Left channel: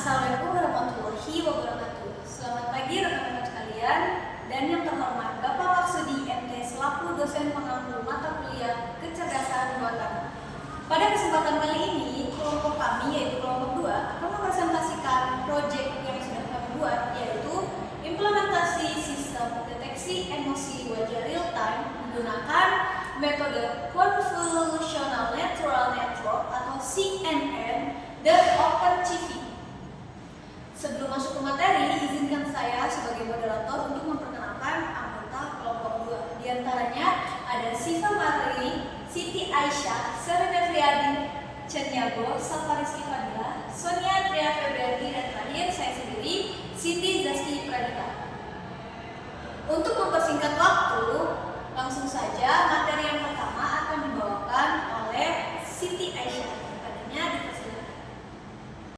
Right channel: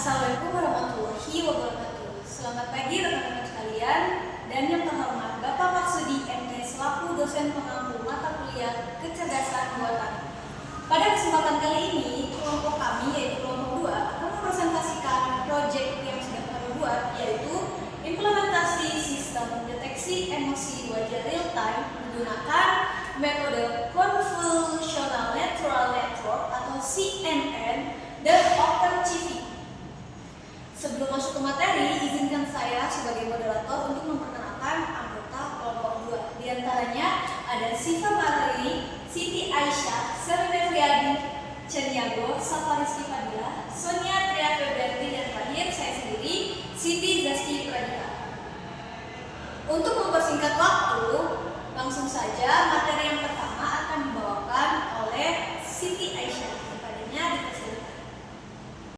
Assalamualaikum warahmatullahi wabarakatuh. Selamat pagi rekan-rekan sekalian, dan yang terhormat Bapak Maksudi MT selaku dosen pengampu mata kuliah kecerdasan buatan. Pada kesempatan kali ini, kelompok kami yaitu kelompok 2 akan mempresentasikan proyek yang sudah kami buat, yaitu implementasi sistem deteksi emosi wajah real time menggunakan metode Convolutional Neural Network atau CNN dan OpenCV. Sebelum masuk ke materi, izinkan saya sebagai moderator untuk memperkenalkan anggota kelompok 2. Di antaranya ada Siva Marli, Siti Aisyah, Serena Friadi, Ceniago, Safarizki Fadila, Sonia Tria Febrianti, dan terakhir saya sendiri, Siti Zaski Pradita. Untuk mempersingkat waktu, langsung saja materi yang pertama akan dibawakan oleh Siti Aisyah. Kepadanya dipersilakan.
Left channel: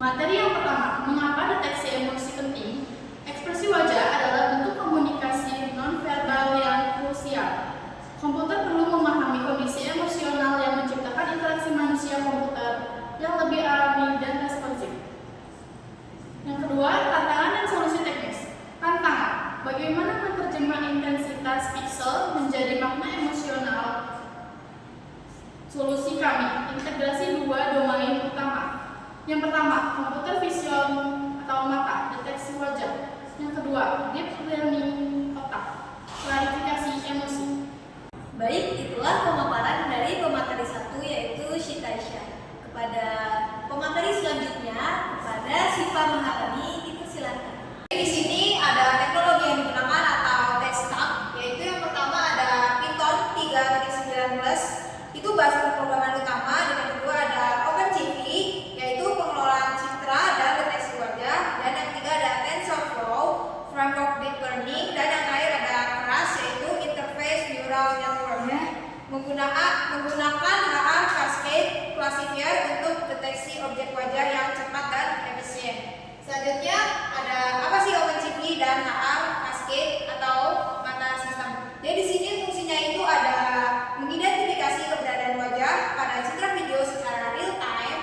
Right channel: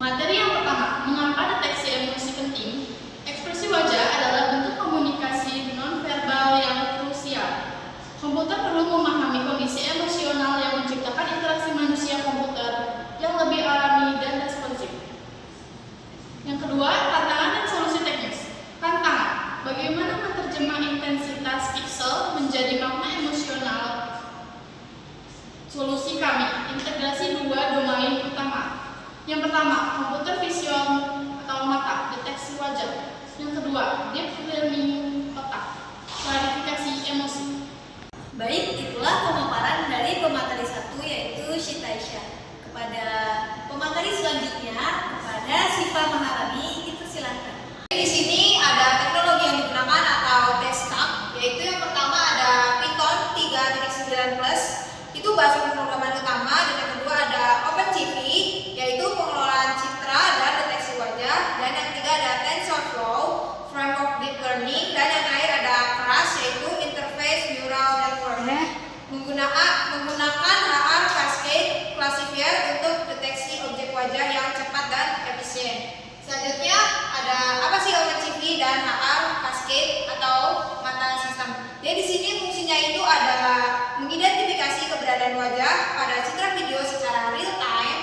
Materi yang pertama, mengapa deteksi emosi penting? Ekspresi wajah adalah bentuk komunikasi nonverbal yang krusial. Komputer perlu memahami kondisi emosional yang menciptakan interaksi manusia-komputer yang lebih alami dan responsif. Yang kedua, tantangan dan solusi teknis. Tantangan, bagaimana menerjemah intensitas piksel menjadi makna emosional? Solusi kami, integrasi dua domain utama. Yang pertama, komputer visual atau mata, deteksi wajah. Yang kedua, deep learning otak, klarifikasi emosi. Baik, itulah pemaparan dari pemateri 1 yaitu Siti Aisyah. Kepada pemateri selanjutnya, kepada Siva Maharani, dipersilakan. Di sini ada teknologi yang digunakan atau desktop, yaitu yang pertama ada Python 3.9+, itu bahasa pemrograman utama, dan yang kedua ada OpenCV, yaitu pengelolaan citra dan deteksi wajah, dan yang ketiga ada TensorFlow, framework deep learning, dan yang terakhir ada CRUSH, yaitu interface neural network. Menggunakan HR Cascade Classifier untuk deteksi objek wajah yang cepat dan efisien. Selanjutnya ada apa sih OpenCV dan HR Cascade atau mata sistem. Jadi di sini fungsinya itu ada mengidentifikasi keberadaan wajah pada citra video secara real time.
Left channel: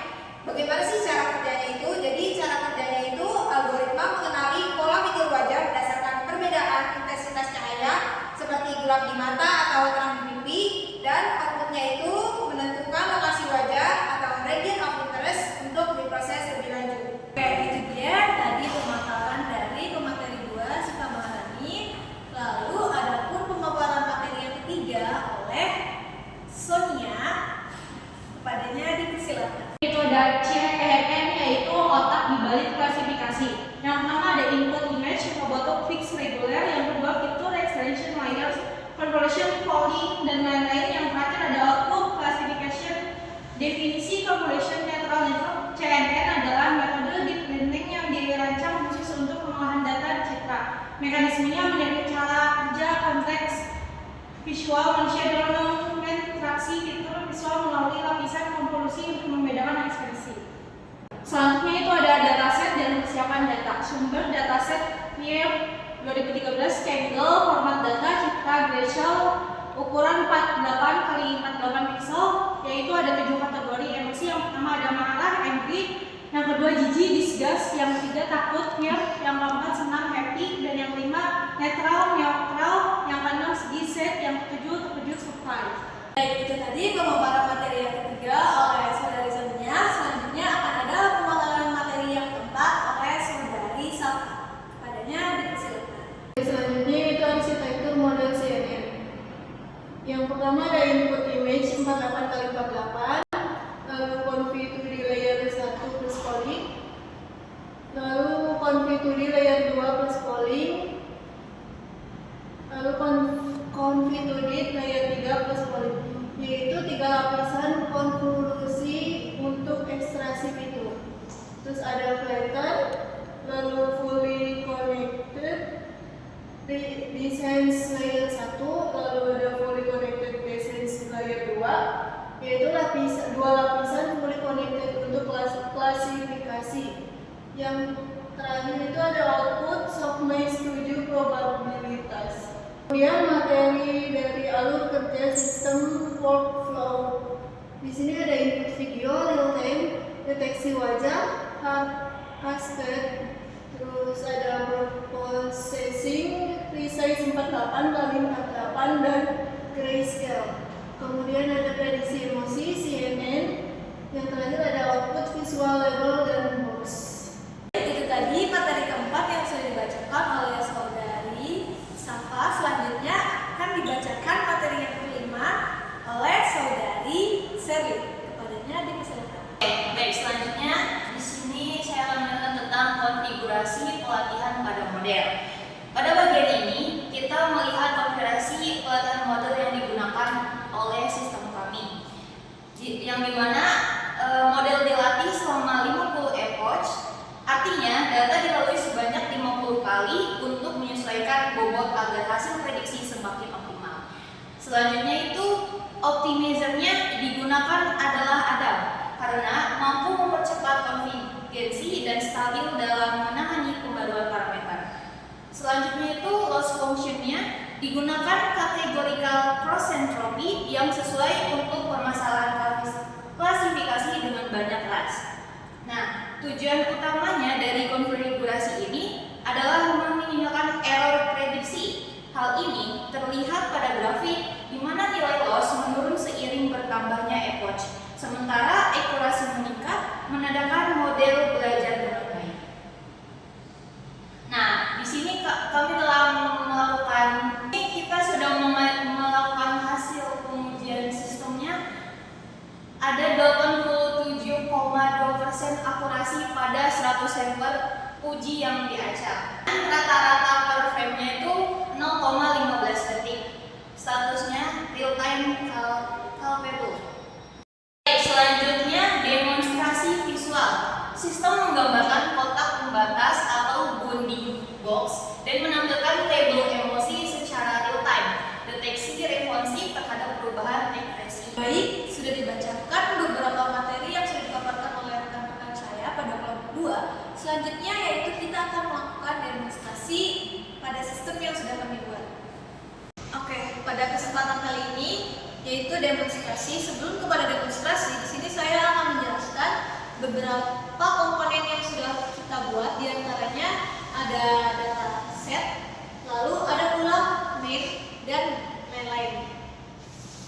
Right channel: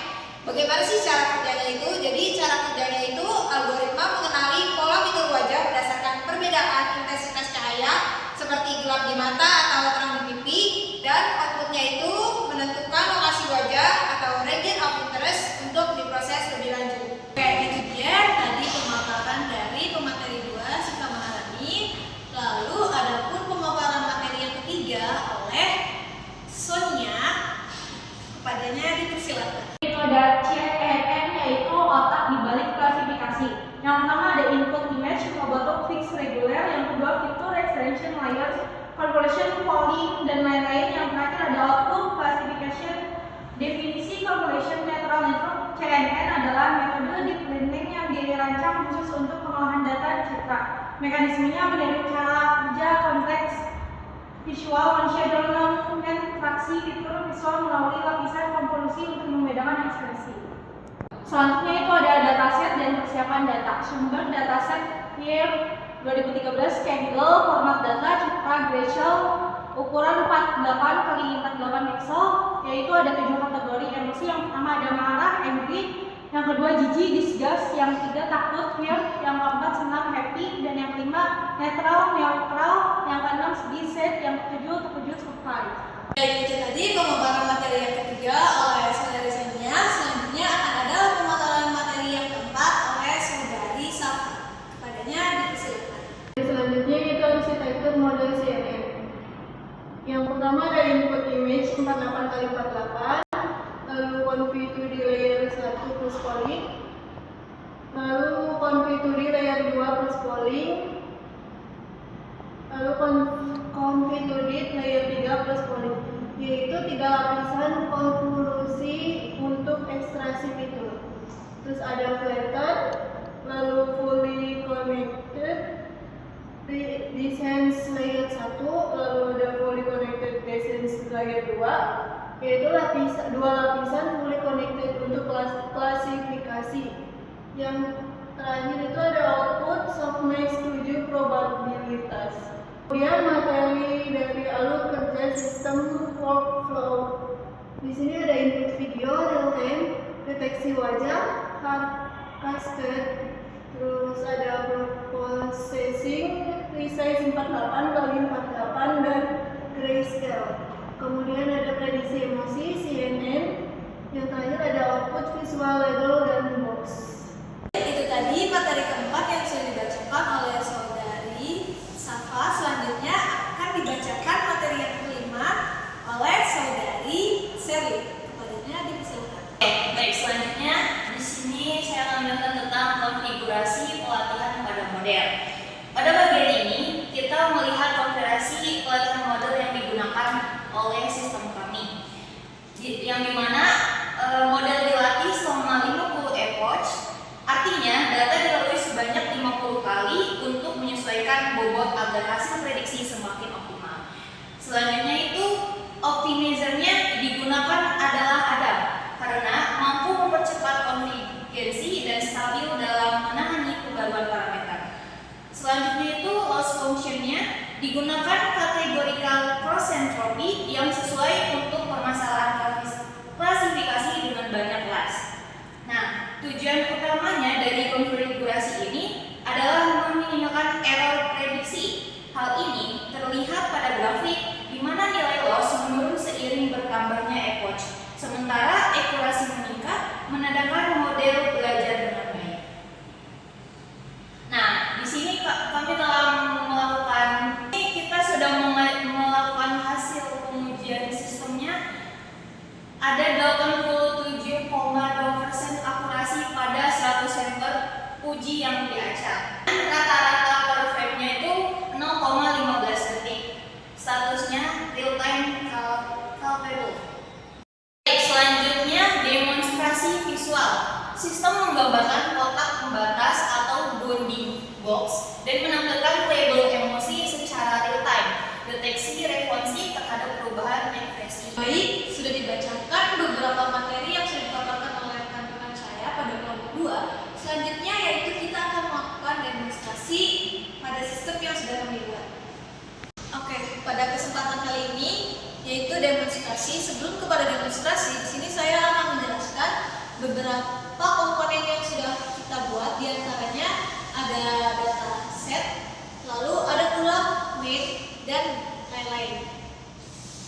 Bagaimana sih cara kerjanya itu? Jadi cara kerjanya itu algoritma mengenali pola fitur wajah berdasarkan perbedaan intensitas cahaya seperti gelap di mata atau terang di pipi, dan outputnya itu menentukan lokasi wajah atau region of interest untuk diproses lebih lanjut. Oke, itu dia tadi pemaparan dari pemateri 2 Siva Maharani. Lalu adapun pemaparan materi yang ketiga oleh Sonia, kepadanya dipersilakan. Itu ada CNN, yaitu otak di balik klasifikasi. Yang pertama ada input image berbentuk fixed regular, yang kedua fitur extension layers, convolution polling, dan lain-lain. Yang terakhir ada output classification. Definisi convolution neural network CNN adalah metode deep learning yang dirancang khusus untuk pengolahan data citra. Mekanismenya menjadi cara kerja konteks visual manusia dalam mentraksi fitur visual melalui lapisan konvolusi untuk membedakan ekspresi. Selanjutnya itu ada dataset dan persiapan data. Sumber dataset year 2013 Kaggle, format data citra Grayscale, ukuran 48x48 pixel, yaitu ada 7 kategori emosi. Yang pertama ada marah, angry, yang kedua jijik, disgust, yang ketiga takut, fear, yang keempat senang, happy, dan yang kelima neutral, yang keenam sedih, sad, yang ketujuh terkejut, surprise. Baik, itu tadi pemaparan materi yang ketiga oleh saudari Sonia. Selanjutnya akan ada pemaparan materi yang keempat oleh saudari Safa. Kepadanya dipersilakan. Selanjutnya itu arsitektur model CNN. Yang pertama ada input image 48x48, lalu conv to di layer 1 plus polling, lalu conv to di layer 2 plus polling, lalu conv to di layer 3 plus polling, yaitu 3 lapisan konvolusi untuk ekstraksi fitur. Terus ada flatten, lalu fully connected, Descent layer 1, lalu ada fully connected descent layer 2, yaitu dua lapisan fully connected untuk klasifikasi. Yang terakhir itu ada output softmax 7 probabilitas. Kemudian materi dari alur kerja sistem workflow. Di sini ada input video real time, deteksi wajah, Cascade, terus ada processing, resize 48 kali 48 dan grayscale. Kemudian ada prediksi emosi, CNN. Yang terakhir ada output visual label dan box. Itu tadi materi keempat yang sudah dibacakan oleh saudari Safa. Selanjutnya akan dibacakan materi yang kelima oleh saudari Seri. Kepadanya dipersilakan. Baik, selanjutnya di sini saya akan menjelaskan tentang konfigurasi pelatihan pada model. Pada bagian ini kita melihat konfigurasi pelatihan model yang digunakan oleh sistem kami, yang dimana model dilatih selama 50 epoch. Artinya data dilalui sebanyak 50 kali untuk menyesuaikan bobot agar hasil prediksi semakin optimal. Selanjutnya itu optimizernya digunakan adalah Adam karena mampu mempercepat konvergensi dan stabil dalam menangani pembaruan parameter. Selanjutnya itu loss functionnya digunakan categorical cross entropy yang sesuai untuk permasalahan klasifikasi dengan banyak kelas. Nah, tujuan utamanya dari konfigurasi ini adalah meminimalkan error prediksi. Hal ini terlihat pada grafik di mana nilai loss menurun seiring bertambahnya epoch, sementara akurasi meningkat menandakan model belajar dengan baik. Nah, di sini kami telah melakukan, kita sudah melakukan hasil pengujian sistemnya. Ada 87,2% akurasi pada 100 sampel uji yang diacak. Rata-rata per frame-nya itu 0,15 detik. Statusnya real time calculable. Selanjutnya demonstrasi visual. Sistem menggambarkan kotak pembatas atau bounding box dan menampilkan label emosi secara real time. Deteksi responsif terhadap perubahan ekspresi. Baik, sudah dibacakan beberapa materi yang sudah dipaparkan oleh rekan-rekan saya pada kelompok 2. Selanjutnya yaitu kita akan melakukan demonstrasi pada sistem yang sudah kami buat. Oke, pada kesempatan kali ini yaitu demonstrasi. Sebelum kepada demonstrasi, di sini saya akan menjelaskan beberapa komponen yang sudah kita buat. Di antaranya ada data set, lalu ada pula main dan lain-lain.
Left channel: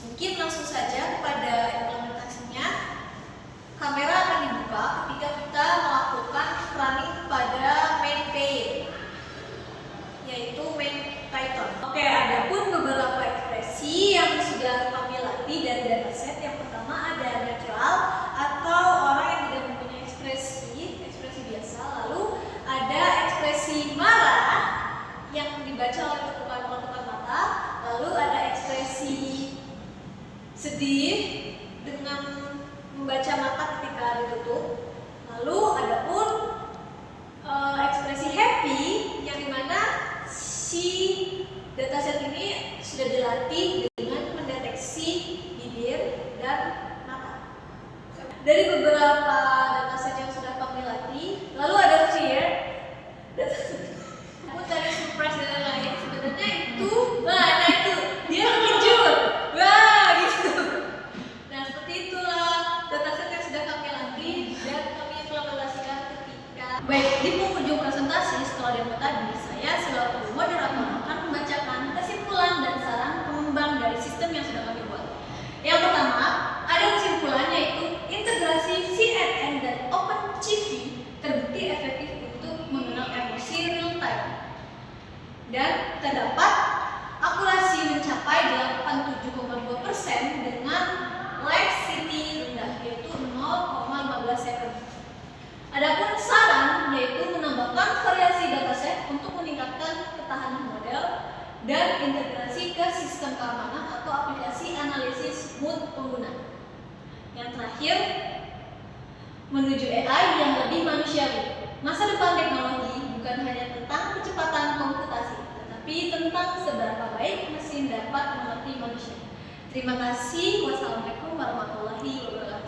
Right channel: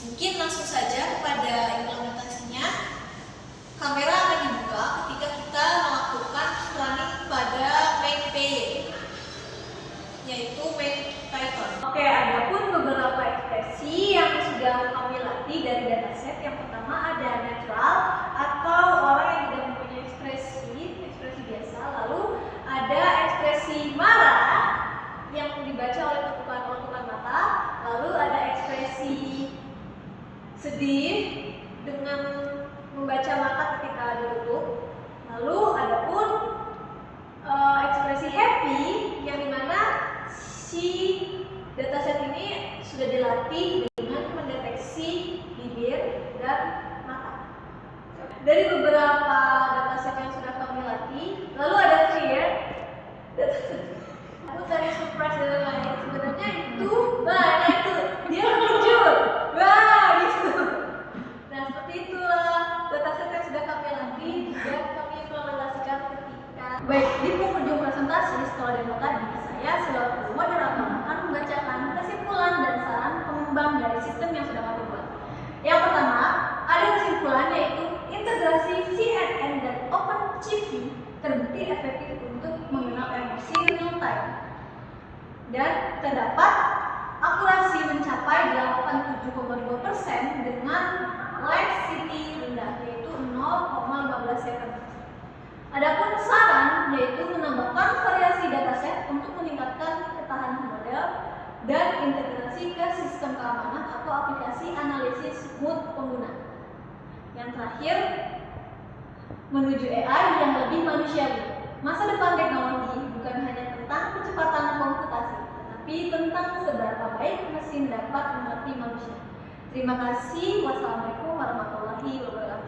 Mungkin langsung saja kepada implementasinya. Kamera akan dibuka ketika kita melakukan running pada main PY, yaitu main Python. Oke, ada pun beberapa ekspresi yang sudah kami latih dari dataset. Yang pertama ada natural atau orang yang tidak mempunyai ekspresi biasa. Lalu ada ekspresi marah yang dibaca oleh tekukan mata. Lalu ada ekspresi sedih dengan membaca mata ketika ditutup. Lalu ada pun ekspresi happy yang dimana si dataset ini sudah dilatih dengan mendeteksi bibir dan mata. Dari beberapa dataset yang sudah kami latih, lalu ada clear, aku dari surprise dan lain-lain. Sebenarnya itu, nah itu dia terkejut, wah gitu. Nah seperti itulah dataset yang sudah kami latih dan kami implementasikan ketika. Baik, di penghujung presentasi setelah demo tadi, saya selaku moderator akan membacakan kesimpulan dan saran pengembang dari sistem yang sudah kami buat. Yang pertama, ada kesimpulan yaitu integrasi CNN dan OpenCV terbukti efektif untuk mengenal emosi real time. Dan terdapat akurasi mencapai 87,2% dengan latency rendah yaitu 0,15 second. Adapun saran yaitu menambahkan variasi dataset untuk meningkatkan ketahanan model dan integrasi ke sistem keamanan atau aplikasi analisis mood pengguna. Yang terakhir, menuju AI yang lebih manusiawi. Masa depan teknologi bukan hanya tentang kecepatan komputasi, tetapi tentang seberapa baik mesin dapat mengerti manusia. Terima kasih. Wassalamualaikum warahmatullahi wabarakatuh.